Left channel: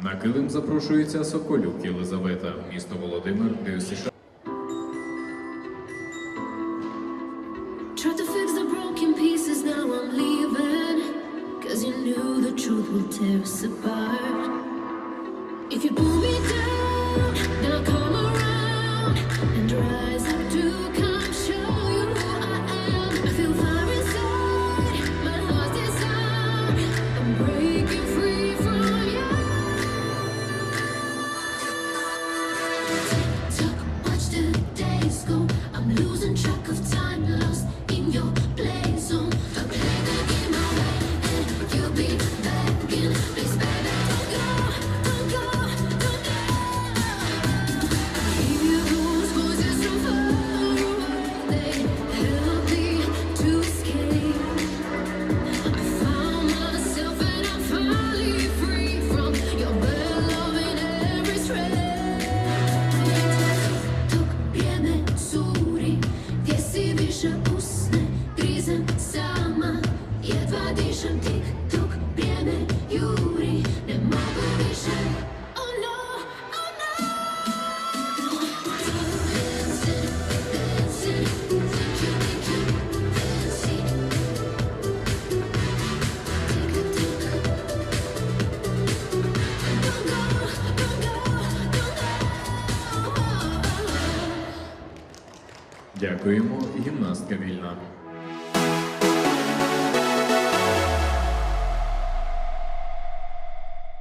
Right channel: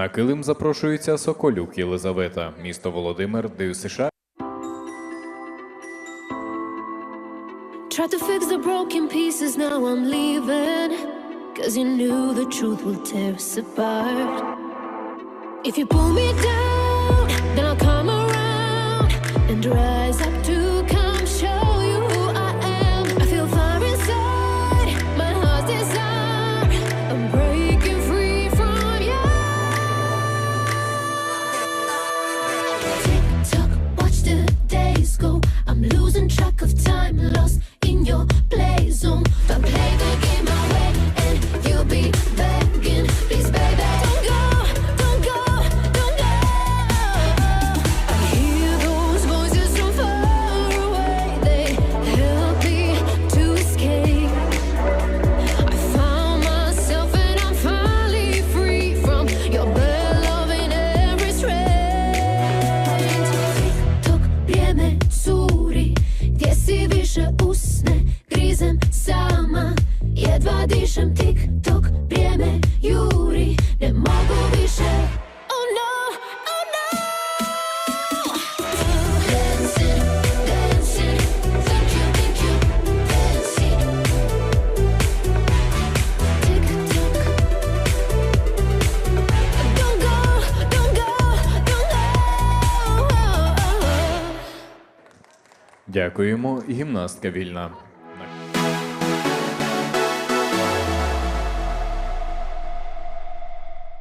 На килим запрошується Соколюк Єлизавета, місто Володимир, Ти If you pull me Дякуємо, гімнастка вільна.